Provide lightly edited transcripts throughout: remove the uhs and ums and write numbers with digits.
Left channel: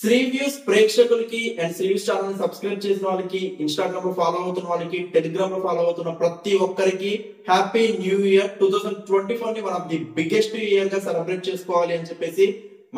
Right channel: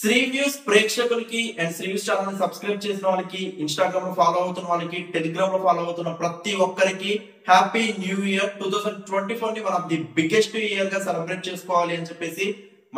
Shri views ప్రేక్షకులకి and Shri views channel ని subscribe చేసిన వాళ్ళకి, ఇన్స్టాగ్రామ్ లో ఫాలో అవుతున్న వాళ్ళకి, టెలిగ్రామ్ లో ఫాలో అవుతున్న ప్రతి ఒక్కరికి హ్యాపీ న్యూ ఇయర్ 2024 ని one of the biggest year గా సెలబ్రేట్ చేసుకోవాలి అని చెప్పేసి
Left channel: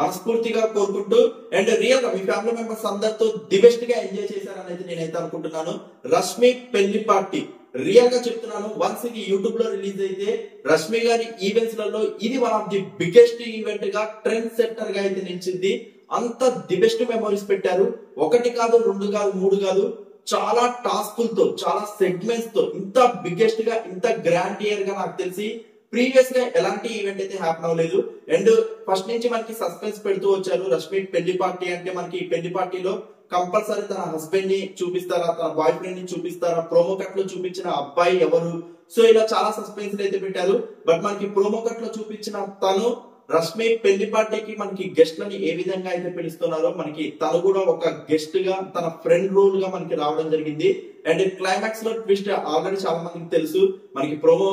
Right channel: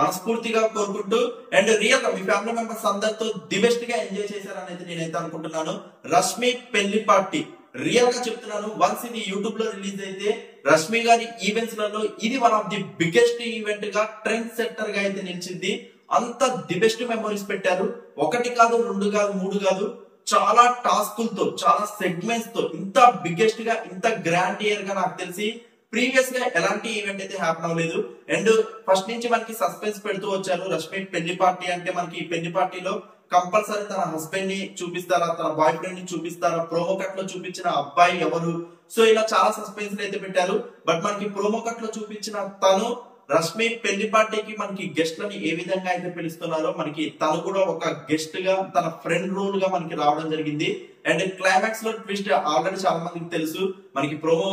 మనస్ఫూర్తిగా కోరుకుంటూ, అండ్ రియల్ గా మీ ఫ్యామిలీ మెంబర్స్ అందరితో ది బెస్ట్ గా ఎంజాయ్ చేశారనేది నేనైతే అనుకుంటున్నాను. రష్మి పెళ్లి పార్టీ రియల్ గా చెప్తున్నాను, వన్స్ ఇది యూట్యూబ్ లో రిలీజ్ అయితే రష్మి గారి ఈవెంట్స్ లలో ఇది one of the biggest event గా, ట్రెండ్ సెట్టర్ గా అయితే నిలిచింది. అంత ది బెస్ట్ మెమోరీస్ పెట్టారు. ఒకటి కాదు, రెండు కాదు, మూడు కాదు, చాలా టాస్కులతో, చాలా సెగ్మెంట్స్ తో ఇంత బిగ్గెస్ట్ గా, ఇంత గ్రాండ్ ఇయర్ గా నాకు తెలిసి ప్రీవియస్ గా ఎలాంటి ఈవెంట్ అయితే హ్యాపన్ అవ్వలేదు. అండ్ ఫస్ట్ నుంచి మనకి సస్పెన్స్ పెడుతూ వచ్చారు. రష్మి పెళ్లి పార్టీ అంటే మనకి పెళ్లి పార్టీలో కంపల్సరీ తన హస్బెండ్ ని చూపిస్తారా, తన బాయ్ ఫ్రెండ్ ని చూపిస్తారా, ప్రోమో కట్ లో చూపించిన అబ్బాయి ఎవరు, సో ఇలా చాలా సస్పెన్స్ అయితే పెట్టారు. బట్ మనకి ప్రోమో కట్ లో చూపించిన తను రష్మి పెళ్లి పార్టీకి మనకి గెస్ట్ లని ఏ విధంగా అయితే పిలుస్తున్నారో, మనకి తను కూడా ఒక గెస్ట్ గా తన ఫ్రెండ్ రోల్ గా మనకి రావడం జరిగింది. అండ్ క్లైమాక్స్ లో ట్విస్ట్ ఆల్రెడీ చాలా మందికి తెలుసు. మనకి ప్రోమో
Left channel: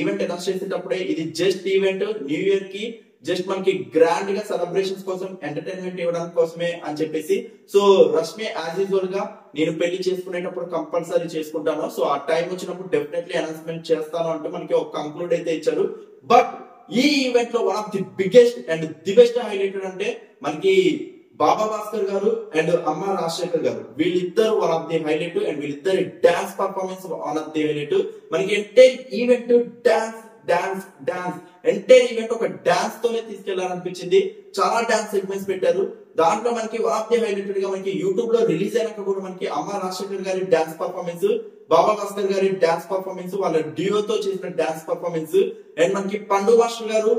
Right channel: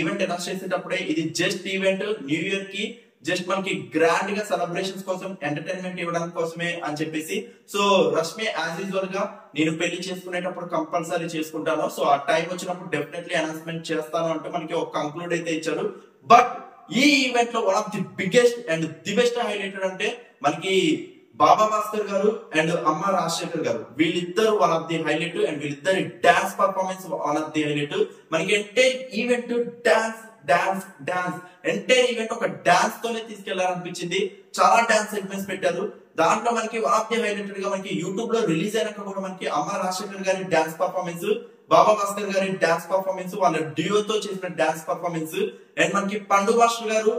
ఈవెంట్ అనౌన్స్ చేసేటప్పుడే ఇది జస్ట్ ఈవెంట్, న్యూ ఇయర్ కి జస్ట్ మనకి గ్రాండ్ గా సెలబ్రేషన్స్ కోసం, ఎంటర్టైన్మెంట్ ఇవ్వడానికి కోసమే అని చెప్పేసి, సో రష్మి యాజ్ యూజువల్ గా నేను పెళ్లి చేసుకునేటప్పుడు కంపల్సరీ చేసుకుంటాను, సో ఆ టైం వచ్చినప్పుడు డెఫినెట్లీ అనౌన్స్మెంట్ చేస్తాను అంటే మనకి ఒక కంక్లూడ్ అయితే ఇచ్చారు. బట్ ఈ ఈవెంట్ లో one of the biggest and the best highlighted అంటే మనకి బాబా భాస్కర్ గారు అండ్ అమ్మ రాజశేఖర్ గారు, వీళ్ళిద్దరు one of the highlight. And వీళ్ళిద్దరి dance performance one of the highlight. మనకి entire event dance dance dance, entire event ఒక డాన్స్ తోనే తీసుకెళ్లారనిపించింది. చాలా డాన్స్ సెగ్మెంట్స్ పెట్టారు. దాంట్లో మనకి వన్ ఆఫ్ ది హైలైటెడ్ గా మనకి యూట్యూబ్ లో రిలీజ్ అయినాక కూడా మనకి అమ్మ రాజశేఖర్ గారి డాన్స్ పర్ఫార్మెన్స్, బాబా భాస్కర్ గారి డాన్స్ పర్ఫార్మెన్స్, వాళ్ళ డ్యూతో చేసిన డాన్స్ పర్ఫార్మెన్స్, అండ్ మనకి పండు మాస్టర్ గారు,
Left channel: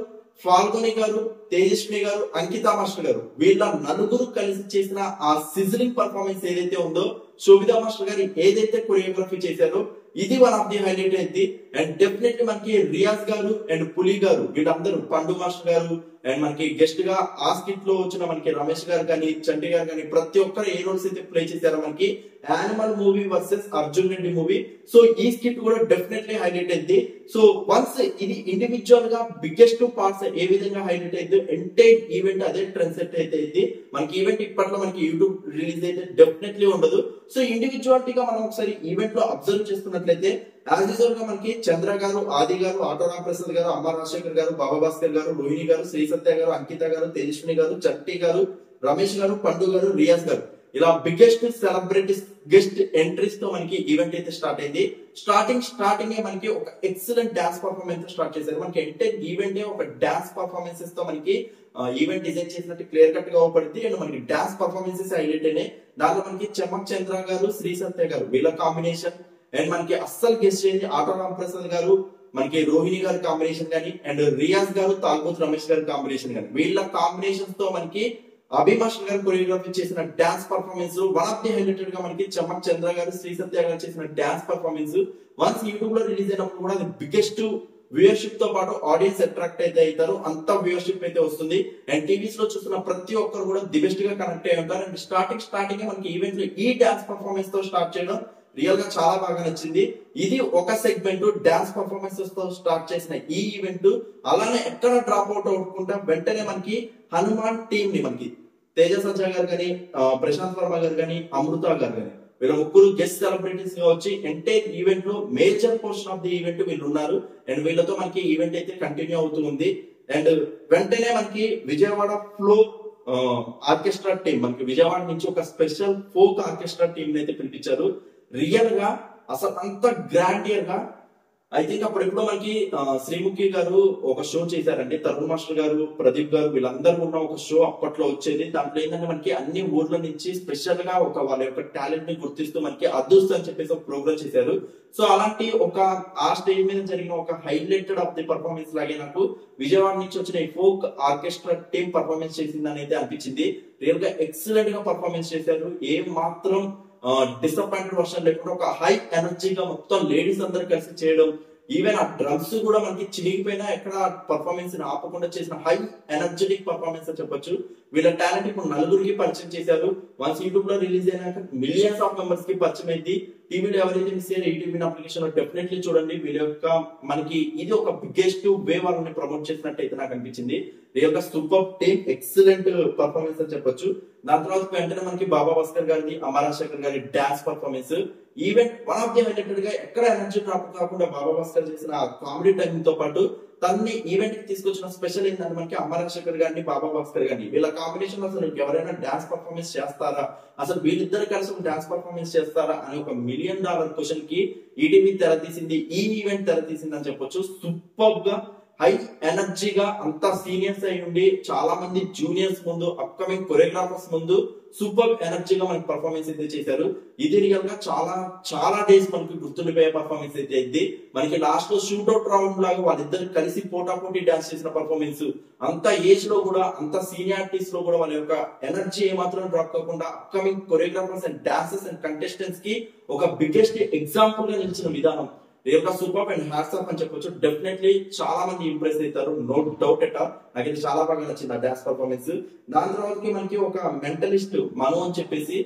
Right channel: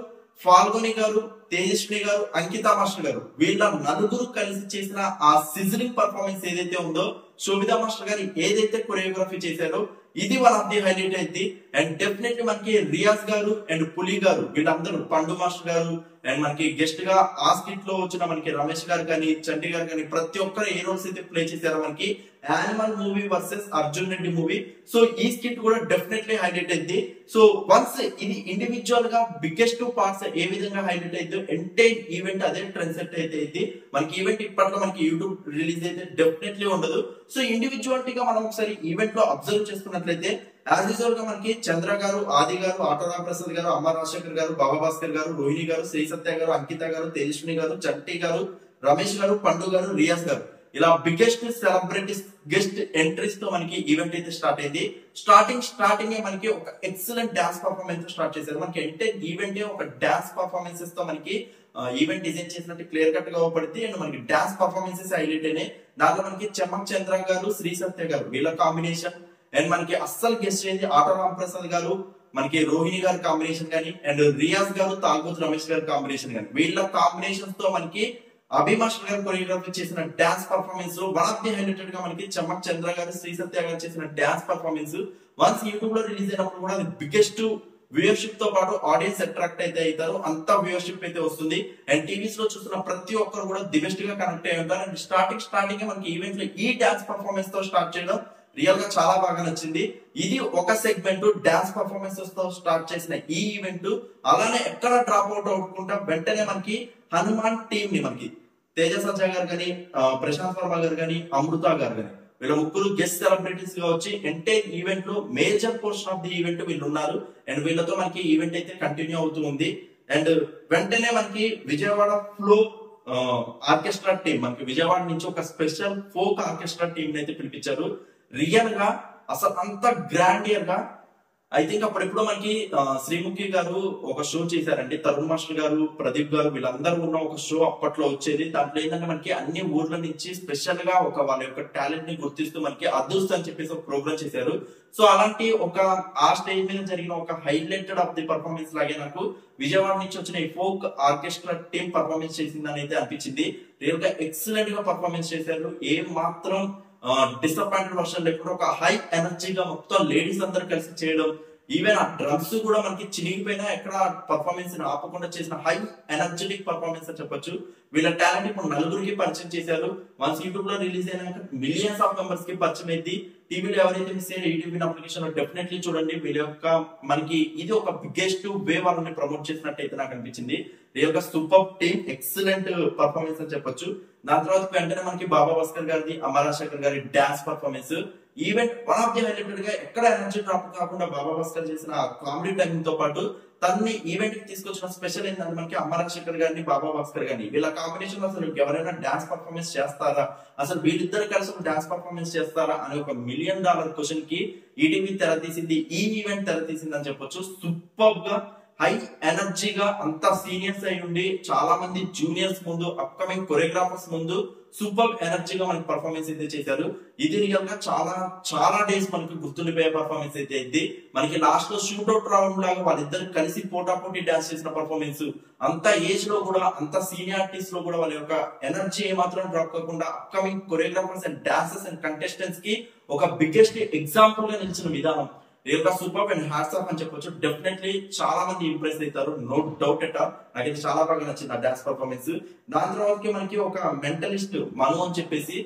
ఫాల్గొని గారు, తేజస్విని గారు, అంకిత మాస్టర్ గారు, వీళ్ళ నలుగురు కలిసి చేసిన ఆ సిజలింగ్ పర్ఫార్మెన్స్ ఏదైతే ఉందో, శోభితా మాస్టర్ గారు ఏదైతే కొరియోగ్రఫీ చేశారో ఇది వన్ ఆఫ్ ది హైలైట్ అయింది. అండ్ డెఫినెట్లీ మనకి రియాజ్ గారు అండ్ పులి గారు, వీళ్ళందరూ, పండు మాస్టర్ గారు, అండ్ మనకి గెస్ట్ గా ఆ స్కిట్ లో వచ్చిన మనకి రమేష్ గారు కానీ, చంటి గారు కానీ, ప్రతి ఒక్కరు ఏ రోల్స్ అయితే ప్లే చేశారో మనకి animal movie versus Arjun Reddy movie, so ఈ స్కిట్ కూడా డెఫినెట్లీ హైలైట్ అయింది. సో వన్స్ ఇది ఇండివిజువల్ గా బిగ్గెస్ట్ పార్ట్స్ ఏ విధంగా హైలైట్ అయితే ఎంటైర్ ఈవెంట్ అదే ట్రెండ్ సెట్ అయితే అయింది. మనకి ఈవెంట్ ఇప్పట్లో మనకి యూట్యూబ్ రిలీజ్ అయితే డెఫినెట్లీ ఉండదు. సో ఇండివిజువాలిటీగా మనం ఒకసారి ఈవెంట్ లో అబ్జర్వ్ చేసుకున్నట్లయితే యాజ్ యూజువల్ గా మనకి చంద్ర గారు, ఆది గారు, ఆటో రామప్రసాద్ గారు, అమ్మ రాజశేఖర్ గారు, బాబా భాస్కర్ గారు, రోహిణి గారు, శ్రీ సత్య గారు, అంకిత గారు, తేజస్విని గారు, చట్టి గారు, రమేష్ గారు, పండు గారు, రియాజ్ గారు, ఇలా బిగ్గెస్ట్ సెలబ్రిటీస్ గెస్ట్ ఎంట్రీస్ తో మనకి ఈవెంట్ అయితే స్టార్ట్ అయింది. స్టార్టింగ్ మనకి ఒక ఎక్సలెంట్ డాన్స్ పర్ఫార్మెన్స్ స్టార్ట్ చేశారు. మనకి ఎంటైర్ ఈవెంట్ ఒక డాన్స్ పర్ఫార్మెన్సెస్ తో మనకి ఈవెంట్ డిజైన్ చేసినట్టు క్లియర్ కట్ గా అవపడింది. అండ్ మనకి డాన్స్ పర్ఫార్మెన్సెస్ హైలైట్ అయినాయి. దాంట్లో మనకి చెమ్మక్ చంద్ర గారు, శ్రీ సత్య గారు, వీళ్ళ కాంబినేషన్, అండ్ మనకి అస్సలు గెస్ట్ చేయండి ఆటో రామప్రసాద్ గారు, మనకి రోహిణి గారి కాంబినేషన్ కానీ, అండ్ రియాజ్ గారు, తాల్బోత్ రమేష్ గారి కాంబినేషన్ కానీ, వీళ్ళ కాంబినేషన్స్ తో మనకి అభిమాష్ గారు కొరియోగ్రఫీ చేసిన dance performance one of the highlighted గా మనకి చెమ్మక్ చంద్ర గారు, శ్రీ సత్య గారు చేసిన డాన్స్ పర్ఫార్మెన్స్ వన్స్ యూట్యూబ్ లో రిలీజ్ అయినప్పుడు కూడా అది బిగ్గెస్ట్ వ్యూయర్షిప్ తో పాటు ఆడియన్స్ అట్రాక్ట్ అయితే అవుతారు. అంత వ్యూయర్షిప్ అయితే వస్తుంది. అండ్ టీవీస్ లో చూస్తున్న ప్రతి ఒక్కరు కూడా ది బెస్ట్ గా కనెక్ట్ అయ్యి ఉంటారు. అండ్ స్టార్టింగ్ మనకి ఈవెంట్ లో ఈ డాన్స్ పర్ఫార్మెన్స్ తో స్టార్ట్ చేయడం రియల్ గా చాలా బాగా నచ్చింది. ఇది ఒక సెగ్మెంట్ డాన్స్ పర్ఫార్మెన్సెస్ తో స్టార్ట్ చేసిన ఈ ఈవెంట్ అలానే ఎక్కడ డ్రాప్ అవుట్ అవ్వకుండా వెంటనే మనకి హనుమాన్ టీం ని, మనకి తేజ సజ్జా గారు కానీ, ప్రశాంత్ వర్మ గారు కానీ, అమృత గారు కానీ, వీళ్ళ ముగ్గురు గెస్ట్ సెలబ్రిటీస్ గా వచ్చి ఎంటైర్ ఈవెంట్ లో major portion of the event వీళ్ళు ఉన్నారు. అండ్ వీళ్ళతో మనకి ఈవెంట్ అయితే కంటిన్యూ అవుతూ ఉంది. అండ్ వెంటనే మనకి విజయవాడ ఫ్లో ఆర్కెస్ట్రా టీం, మనకి విజయవాడ నుంచి ఒక స్పెషల్ ఫోక్ ఆర్కెస్ట్రా టీం అయితే పిలిపించారు. రియల్ గా అసలు అంత గ్రాండ్ ఇయర్ గా ఐ థింక్ అప్పుడెప్పుడో మనకి శ్రీముఖి గారు ఒక షో చేశారండి. తరుణ్ మాస్టర్ గారు, ప్రదీప్ గారు, వీళ్ళందరూ ఉన్న ఒక షో అప్పట్లో వచ్చేది. దాంట్లో ఏంటంటే మనకి అన్ని ఊర్ల నుంచి స్పెషల్ గా ఒక వాళ్ళ యొక్క టాలెంట్ ని గుర్తిస్తూ మనకి అదృష్ట అని చెప్పేసి ఒక ప్రోగ్రామ్ చేశారు. సో అలాంటి ఒక ఆ స్టేజ్ మీద జరిగిన ఒక హైలైటెడ్ ఆఫ్ ది పర్ఫార్మెన్స్ లాగే నాకు విజయవాడ నుంచి వచ్చిన ఈ ఫోక్ ఆర్కెస్ట్రా టీం పర్ఫార్మెన్స్ చేసిందని అయితే అనిపించింది. రియల్ గా ఎక్సలెంట్ గా పర్ఫార్మెన్స్ చేశారు. ఏ మాత్రం డిసప్పాయింటెడ్ వర్షన్ లేకుండా ఒక హై ఎనర్జీగా మొత్తం లేడీస్ అందరూ కలిసి చేయడం, ఈవెన్ ఆ డ్రమ్స్ కూడా మనకి చినిగిపోయినా ఎక్కడ పర్ఫార్మెన్స్ ఆపకుండా చేసిన హై ఎనర్జెటిక్ పర్ఫార్మెన్స్ అని చెప్పొచ్చు. వీళ్ళ టాలెంట్ ఇప్పుడు నలుగురికి పరిచయం చేశారు. వన్స్ యూట్యూబ్ లో రిలీజ్ అయినాక మిలియన్స్ ఆఫ్ మెంబర్స్ కి పరిచయం అయింది. టీవీలో ఎవరైతే మిస్ అయ్యారో ఈటీవీ అప్లికేషన్ డెఫినెట్లీ చూడండి. వీళ్ళ యొక్క మనకి ఇది ఒక బిగ్గెస్ట్ వే వాళ్ళని ప్రమోట్ చేసినట్టు అయితే నాకు అనిపించింది. రియల్ గా సూపర్ టీమ్, ఎక్సలెంట్ పర్ఫార్మెన్స్ అని చెప్పొచ్చు. దాని తర్వాత వెంటనే మనకి బాబా భాస్కర్ గారిది, అమరాశేఖర్ గారి dance performance. Event one of the highlighted గా ఎక్కడ ఎనర్జీ డ్రాప్ కాకుండా బాబా భాస్కర్ చేసిన కామెడీ టైమింగ్ తో పాటు తనని ఈవెంట్ కి తీసుకొచ్చిన స్పెషల్ ఏంటంటే మనకి అమరాశేఖర్ గారిని, బాబా భాస్కర్ గారిని వీళ్ళ కాంబినేషన్ అసలు ఎవరైనా డాన్స్ పర్ఫార్మెన్స్ చేస్తారా, అసలు వీళ్ళిద్దరు కలిసి డాన్స్ పర్ఫార్మెన్స్ చేస్తారా అనే ఒక $1 మిలియన్ క్వశ్చన్ కి ఈటీవీ తెర తీసింది, ఈ ఈవెంట్ తెర తీసింది అని చెప్పొచ్చు. సూపర్ గా హై ఎనర్జీగా అంతా సీనియర్స్ అయి ఉండి చాలా మంది జూనియర్స్ ముందు, అప్కమింగ్ కొరియోగ్రాఫర్స్ ముందు సూపర్ ఎనర్జీగా మనకి పర్ఫార్మెన్స్ అయితే చేశారు. ఇది రియల్ గా చాలా చాలా డేస్ మనకి గుర్తుండిపోయే పర్ఫార్మెన్స్ అయితే అయింది. మనకి లాస్ట్ లో షూట్అవుట్ రౌండ్ లాగా వాళ్ళిద్దరు కలిసి పోటాపోటీ డాన్స్ చేసిన పర్ఫార్మెన్స్, అంత ఏజ్ లో కూడా, అంత సీనియారిటీస్ లో కూడా వాళ్ళ యొక్క ఎనర్జీ ఏమాత్రం డ్రాప్ కాకుండా upcoming choreographers and dancers and contestants కి ఒక బిగ్గెస్ట్ ఎగ్జాంపుల్ గా నిలిచిన విధానం రియల్ గా సూపర్ అండ్ హ్యాట్స్ ఆఫ్ అని చెప్పొచ్చు. డెఫినెట్లీ చాలా మంది ఇంప్రెస్ అవుతారు, నో డౌట్ ఎట్ ఆల్. నాకైతే చాలా బాగా నచ్చింది ఆ డాన్స్ పర్ఫార్మెన్స్. దాని తర్వాత మనకి ఒక మెంటలిస్ట్ మను అని చెప్పేసి,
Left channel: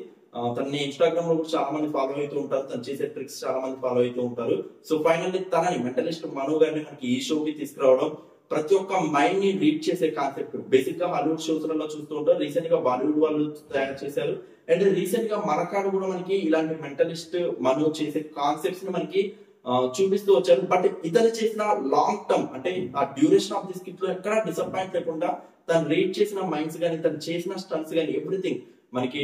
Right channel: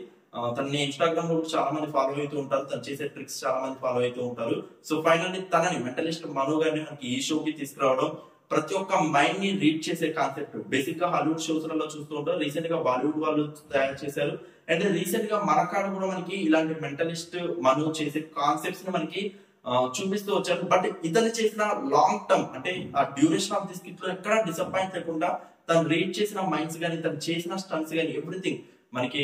తనని ఇన్స్టాగ్రామ్ లో కూడా చాలా మంది ఫాలో అవుతూ ఉంటారు, తను చేసే ట్రిక్స్ చాలా మంది ఫాలో అవుతూ ఉంటారు. సో ఫైనల్లీ తనని మెంటలిస్ట్ మను గారిని మనకి ఈ షోకి తీసుకురావడం, ప్రతి ఒక్క మైండ్ ని రీడ్ చేసే కాన్సెప్ట్ బేసిక్ గా హాలీవుడ్ షోస్ లలో చూస్తూ ఉంటారు, రీసెంట్ గా బాలీవుడ్ వాళ్ళు తయారు చేశారు. అండ్ రీసెంట్ గా మన కాడ కూడా మనకి ఇలాంటి మెంటలిస్ట్ మను చేసే కాన్సెప్ట్స్ ని మనకి చూపిస్తూ వచ్చారు. బట్ ఇతను చేసిన లాంగ్ టర్మ్ అంటే ఆ డ్యూరేషన్ ఆఫ్ ది స్కిట్ లో ఎక్కడ డిసప్పాయింట్ లేకుండా తను రీడ్ చేసిన మైండ్స్ గానీ, తను చేసిన స్టంట్స్ గానీ, ఎవ్రీథింగ్ మనకి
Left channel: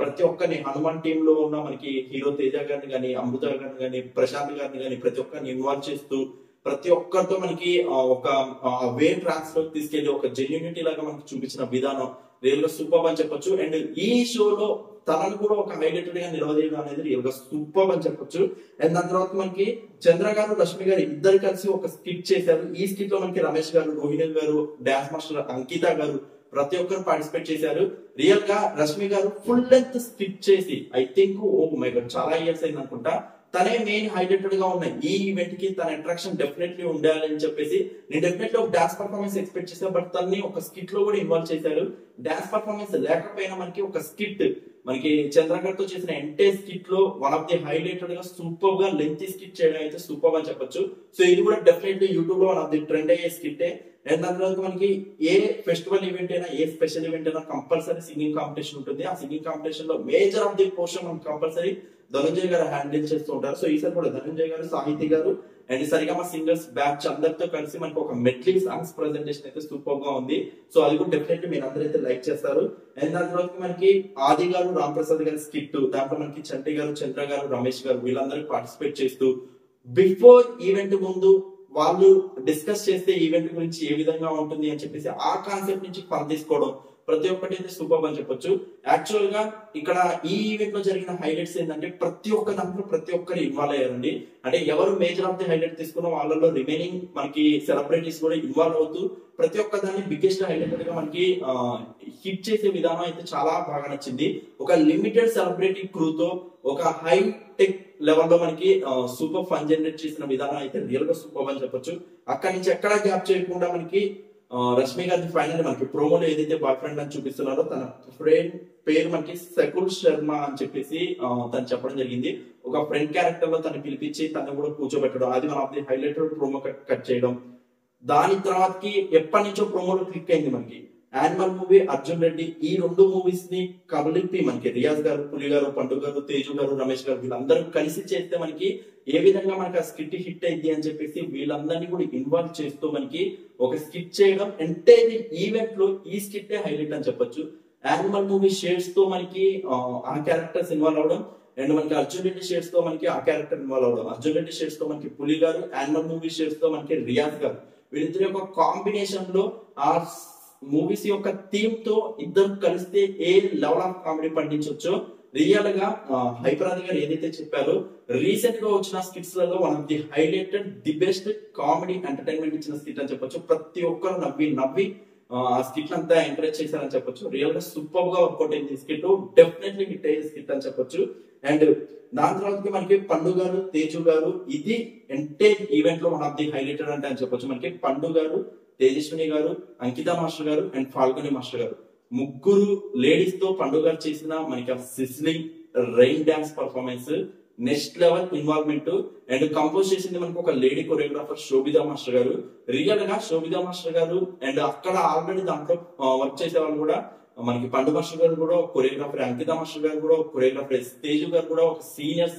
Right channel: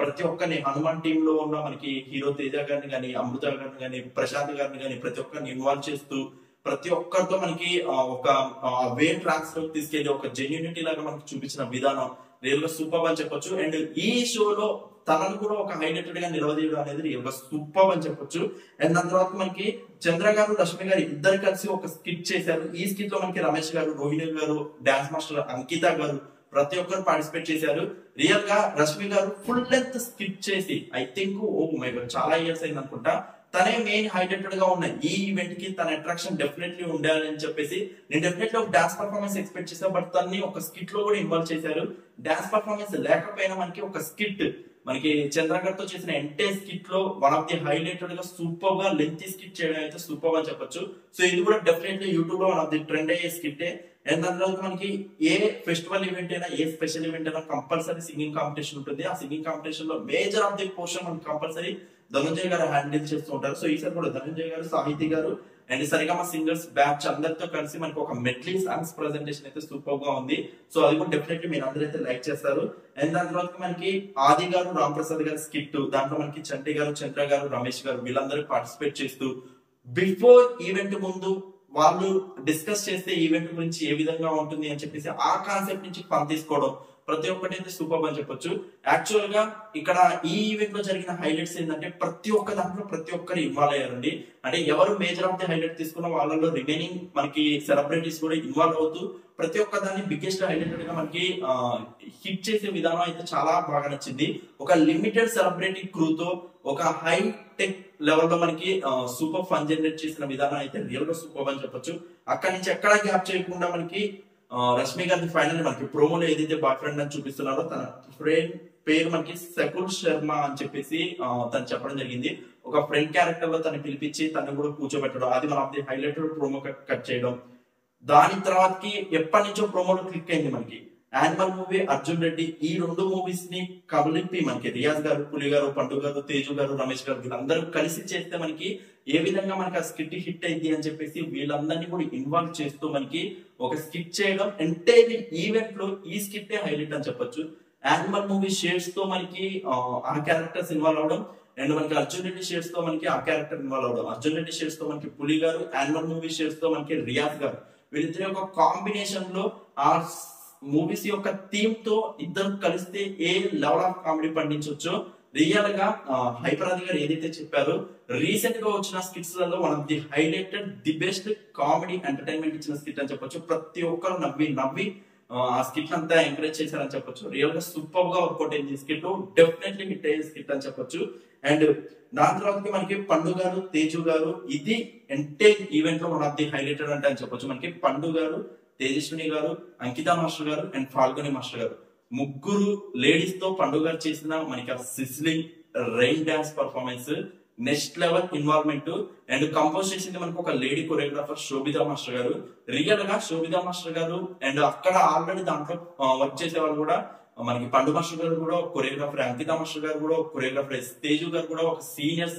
ప్రతి ఒక్కరిని హనుమాన్ టీమ్ లో ఉన్న మనకి హీరో తేజ గారిని గానీ, అమృత గారిని గానీ, ప్రశాంత్ గారిని గానీ ప్రతి ఒక్కరిని ఇన్వాల్వ్ చేస్తూ ప్రతి ఒక్కరితో మనకి ఒక వే ట్రాక్స్ లోకి తీసుకెళ్లి ఒక జెన్యూనిటీ లాగా మనకి చూపించిన విధానం రియల్ గా సూపర్ అని చెప్పొచ్చు. అండ్ ఈ షోలో తనను కూడా ఒక హైలైటెడ్ గా నిలవదీయడం అనేది రియల్ గా సూపర్ అని చెప్పొచ్చు. అండ్ దాని తర్వాత మనకి చంద్ర గారు, రష్మి గారు ఇద్దరు కలిసి ఒక స్కిట్ చేశారు. ఈ స్కిట్ లో మనకి రమేష్ గారు, రోహిణి గారు, డాన్స్ మాస్టర్ అంకిత గారు ప్రతి ఒక్కరు పార్టిసిపేట్ చేశారు. రియల్ గా రష్మి గారు ఫుల్ లెంత్ స్కిట్ చేసి ఐ థింక్ చాలా ఇయర్స్ అయింది అనుకుంటా, తనే మెయిన్ హైలైటెడ్ గా ఉన్న ఈ ఈవెంట్ కి తన అట్రాక్షన్ డెఫినెట్లీ ఉండాలి అని చెప్పేసి నేను డెఫినెట్లీ ఒక డాన్స్ పర్ఫార్మెన్స్ ఎక్స్పెక్ట్ చేశాను. బట్ తనని ఒక స్కిట్ లో కూడా ఇన్వాల్వ్ చేశారు. డాన్స్ పర్ఫార్మెన్స్ లేకపోయినా మనకి ఒక స్కిట్, మనకి చంద్ర గారితో చేసిన ఎంటైర్ స్కిట్ లో వన్ ఆఫ్ ది హైలైటెడ్ గా సూపర్ గా లెంతీ స్కిట్ చేయడం అయితే సూపర్ అని చెప్పొచ్చు. సో ఇది కూడా డెఫినెట్లీ యూట్యూబ్ లో వన్ ఆఫ్ ది ట్రెండ్ అయ్యే స్కిట్టే. అండ్ దాని తర్వాత మనకి ఏ ఫెస్టివల్ ఈవెంట్ అయినా, ఏ స్పెషల్ ఈవెంట్ అయినా కంపల్సరీ సింగింగ్ కాంపిటీషన్ ఉంటుంది. ఆ సింగింగ్ కాంపిటీషన్ లో మేజర్ ఆఫ్ ది పోర్షన్ మనకి కంపల్సరీ ధనంజయ్ గారు హ్యాండిల్ చేస్తూ ఉంటారు. సో ఈసారి కూడా ధనంజయ్ గారు, సాహితీ గారు అండ్ సరిగమ సింగర్స్ బ్యాచ్ అందరితో కలిసి మనకి ఒక మెడ్లీ సాంగ్స్ ప్రెజెంటేషన్ అయితే సూపర్ గా ఉంది. సో అది కూడా డెఫినెట్లీ మీరు అందరైతే లైక్ చేస్తారు. అండ్ దాని తర్వాత మనకి ఆది గారు, రామ్ ప్రసాద్ గారి స్కిట్, దాంట్లో మనకి చంటి గారు, చంద్ర గారు, రమేష్ గారు వీళ్ళందరూ పార్టిసిపేట్ చేస్తూ బిఫోర్ ఈవెంట్ ముందు వాళ్ళు డిస్కస్ చేస్తే ఈవెంట్ గురించి ఏ విధంగా ఉంటుంది అని చెప్పేసి ఆ కాన్సెప్ట్ నుంచి పని తీసుకోవడం ప్రతి ఒక్కటి అయితే సూపర్ అని చెప్పొచ్చు. యాక్చువల్ గా ఇక్కడ ఈ ఈవెంట్ లో జరిగిన హైలైట్స్ ఏంటంటే ప్రతి ఒక్క దాంట్లో ప్రతి ఒక్కరు ఇన్వాల్వ్ అయ్యారండి. అంటే ఎవరు మేజర్ ఆఫ్ ది హైలైట్ తీసుకున్న వాళ్ళలో రిమైనింగ్ మనకి సెలబ్రిటీస్ కూడా ఇన్వాల్వ్ అవుతూ ప్రతి ఒక్క దాన్ని బిగ్గెస్ట్ హైలైటెడ్ గా మనకి హిట్ చేసే విధానం అయితే చాలా బాగా నచ్చింది. ఒక లిమిటెడ్ సెలబ్రిటీ క్రూతో ఒక హై టెక్ లెవెల్ లో మనకి సూపర్ ఫన్ జనరేట్ చేసిన విధానం అయితే రియల్ గా సూపర్ అని చెప్పొచ్చు. అక్కడి నుంచి ఎక్కడా గ్యాప్ చేయకుండా మనకి రష్మి గారిని ఫైనల్ మనకి ప్రోమోలో ఏదైతే బాయ్ ఫ్రెండ్ అని చూపిస్తున్నారో తన ఫ్రెండ్ పేరు మనకి సకుల్ శర్మ అని చెప్పేసి తను చెప్పడం జరిగింది. ఒక ఫ్రెండ్ క్యారెక్టర్ లో తను పిలిపించి తను కూడా కూర్చోబెట్టడం, అది మన of the highlighted promo cut చేయడం. దాని తర్వాతకి ఎప్పటి నుంచో ప్రోమోలో క్లిక్ అయింది మనకి యానిమల్ మూవీ, అర్జున్ రెడ్డి, ఈ రెండు మూవీస్ ని కలిపి మనకి రియాజ్ గారు, పులి గారు, పండు గారు, తేజు గారు, రమేష్ గారు వీళ్ళందరూ కలిసి చేస్తే మనకి ఏ విధంగా మనకి ఆ స్కిట్ హిట్ అయింది అని చెప్పేసి వీళ్ళందరినీ కూడా ఇన్వాల్వ్ చేస్తూ మనకి ఒక స్కిట్ చేయడం, ఎంటైర్ ఈవెంట్ లో ఈ స్కిట్ హైలైట్ అని చెప్పొచ్చు. యానిమల్ మూవీ షేడ్స్ తో మనకి ఆ క్యారెక్టర్స్ ఇన్వాల్వ్ అవడం, అండ్ మనకి అర్జున్ రెడ్డి షేడ్స్ తో మనకి ఆ క్యారెక్టర్ ఇన్వాల్వ్ అవడం, అర్జున్ రెడ్డి షేడ్స్ తో మనకి పులి గారు, యానిమల్ మూవీ షేడ్స్ తో మనకి రియాజ్ గారు, వీళ్ళిద్దరి యొక్క కాంబినేషన్ లో ఆ మూవీస్ యొక్క థీమ్ తో ఇద్దరు కలిస్తే ఏ లెవెల్ ఆఫ్ కామెడీ పండించవచ్చో రియల్ గా హైపరాది గారు ఏదైతే చెప్పారో రీసెంట్ గా వచ్చిన స్కిట్స్ లలో one of the highlighted the best comedy entertainment ఇచ్చిన స్కిట్ అని చెప్పొచ్చు. ప్రతి ఒక్కరు నవ్వి ఆ స్కిట్ అంతా ఎంకరేజ్ చేశారని చెప్పొచ్చు. రియల్ గా సూపర్ గా వర్కౌట్ అయింది స్కిట్, డెఫినెట్లీ హిట్ అయ్యే స్కిట్ అని చెప్పొచ్చు. అండ్ దాని తర్వాత మనకి పండు గారు, తేజు గారు, ఇది ఎంటైర్ ఈవెంట్ లో వన్ ఆఫ్ ది హైలైటెడ్ అంటే అని చెప్పొచ్చు. మనకి పండు గారు, తేజస్విని గారు, అంకిత మాస్టర్ గారు అండ్ ఫాల్గని మాస్టర్ గారు ముగ్గురు లేడీస్ తో పండు గారు చేసిన మనకి ఆ sizzling rain dance performance next level involvement. And compose చేసింది మనకు ఒక లేడీ కొరియోగ్రాఫర్ శోభితా మాస్టర్ గారు. రియల్ గా శోభితా మాస్టర్ గారు అండ్ అక్కడ ఆల్రెడీ దాంట్లో వర్క్ చేసే వాళ్ళు కూడా మనకి పండు మాస్టర్ గారు కూడా కొరియోగ్రాఫర్, అంకిత మాస్టర్ గారు కూడా కొరియోగ్రాఫర్, తేజు గారు కూడా ఒక సీనియర్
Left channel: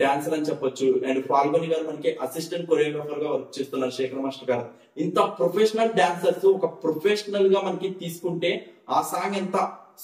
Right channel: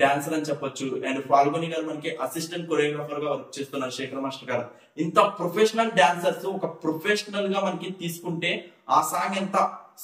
డాన్సర్ అని చెప్పొచ్చు. అండ్ ఫాల్గొని గారు మనకి అసిస్టెంట్ కొరియోగ్రాఫర్ గా వర్క్ చేస్తున్నారు. శేఖర్ మాస్టర్ గారు ఇంత ప్రొఫెషనల్ డాన్సర్స్ ఒక ప్రొఫెషనల్ గా మనకి తీసుకుంటే ఆ సాంగ్ ఎంత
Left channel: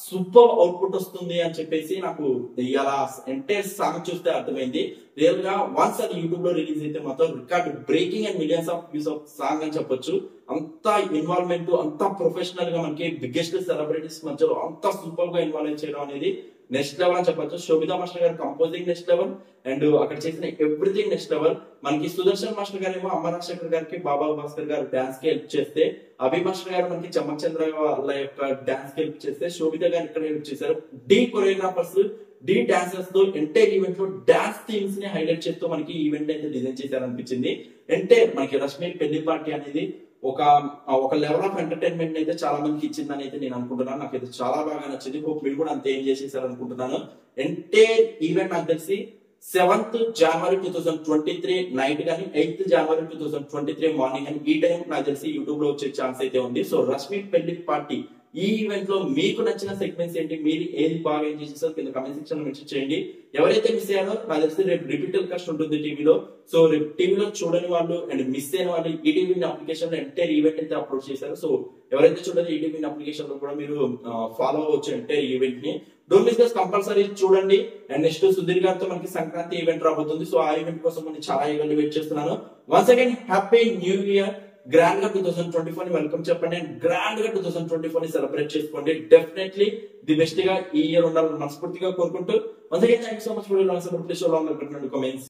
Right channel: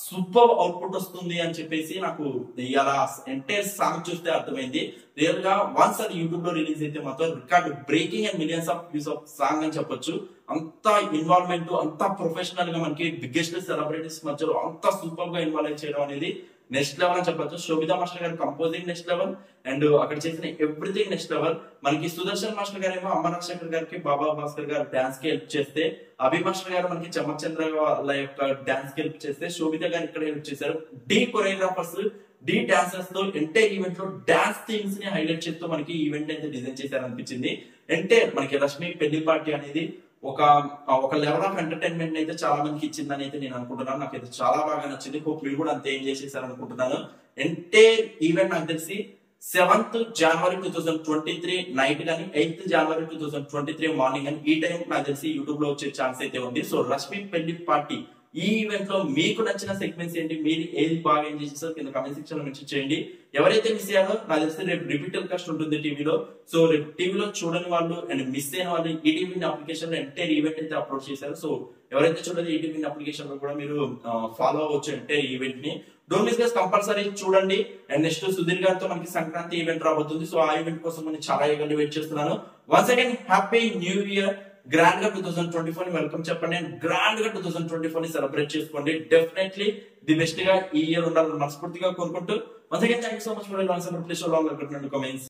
సూపర్ అవుట్పుట్ వస్తుంది అని చెప్పేసి నాకు ఇలా ఎంటైర్ సాంగ్ చూస్తే అర్థమైంది. రియల్ గా వన్స్ అది యూట్యూబ్ లో రిలీజ్ అయితే మాత్రం record breaking and millions of views of song అని చెప్పొచ్చు. అంత ఇన్వాల్వ్మెంట్, అంత ప్రొఫెషనల్ గా మనకి బిగ్గెస్ట్ సెలబ్రిటీస్ మధ్యలో అంత సూపర్ గా ఇన్వాల్వ్ చేయడం అనేది నెక్స్ట్ లెవెల్ అని చెప్పొచ్చు. శోభితా మాస్టర్ గారు కంపోజింగ్ నెక్స్ట్ లెవెల్, అండ్ అక్కడ చేసిన ఎవ్రీథింగ్ నెక్స్ట్ లెవెల్. మనకి సుదర్శన్ మాస్టర్ గారు ఏమో అమ్మ రాజశేఖర్ గారికి, బాబా భాస్కర్ గారు డాన్స్ కి హెల్ప్ చేస్తే, అభి మాస్టర్ గారు మనకి చమ్మక్ చంద్ర వాళ్ళ యొక్క డాన్స్ కి హెల్ప్ చేస్తే, శోభిత గారు ఇక్కడ హెల్ప్ చేశారు. డి కొరియోగ్రాఫర్స్, డి డాన్సర్స్ తో ఎంటైర్ ఈవెంట్ లో డాన్స్ థీమ్స్ ని హైలైట్ చేస్తూ మనకి ఈవెంట్ అయితే డిజైన్ చేశారు అనిపించింది. ఎంటైర్ మనకి రష్మి పెళ్లి పార్టీ అనేది ఒక లెవెల్ ఆఫ్ ఎంటర్టైన్మెంట్ అయితే చాలా మందికి ఇచ్చిందని అయితే నేను అనుకుంటున్నాను. నాకైతే చాలా బాగా నచ్చింది. హోప్ మీరు కూడా అంతే ఏం చేసేసారు అనుకుంటున్నాను. ఎంటైర్ ఈవెంట్ నాకు తెలిసి 7th January 2023 నైట్ కానీ 8th January 2023 మార్నింగ్ అని ఈ టైం నాకు తెలిసి యూట్యూబ్ లో వచ్చే ఛాన్స్ అయితే ఉంది. సో రష్మి పెళ్లి పార్టీ ఈ ఈవెంట్ లో మీకు నచ్చిన సెగ్మెంట్స్ ఏంటి, మీరు ఏది బాగా ఎంజాయ్ చేస్తారు కింద కమెంట్ సెక్షన్ లో మెన్షన్ చేయండి. ఎవరైతే మిస్ అయ్యారో నాకు తెలిసి రేపు రిపీట్ టెలికాస్ట్ ఉంటుంది టీవీలో. సో రేపు టీవీలో చూడని వాళ్ళు అండ్ మిస్ అయిన వాళ్ళు ఈటీవీ అప్లికేషన్ లో ఎంటైర్ ఈవెంట్ అయితే అప్లోడ్ చేశారు. సో ఎవరైతే చూడని ఈటీవీ అప్లికేషన్ లో కూడా మీరు ఫాలో అవ్వచ్చు ఎంటైర్ ఈవెంట్ ని. డోంట్ మిస్ గైస్, కంపల్సరీ చూడండి. అండ్ నెక్స్ట్ సుధీర్ గారితో మనకి సంక్రాంతి ఈవెంట్ రాబోతుంది. సో ఆ ఈవెంట్ కోసం నేను చాలా ఈవెంట్ వెయిట్ చేస్తున్నాను. Once again happy new year. Grand గా 2024 ని వెల్కమ్ చెప్పండి అండ్ గ్రాండ్ గా 2024 ని సెలబ్రేట్ చేసుకోండి. డెఫినెట్లీ ది బెస్ట్ గా ఈ ఇయర్ ఉండాలని మనస్ఫూర్తిగా కోరుకుంటూ once again thank you so much for your support. Please show long comments.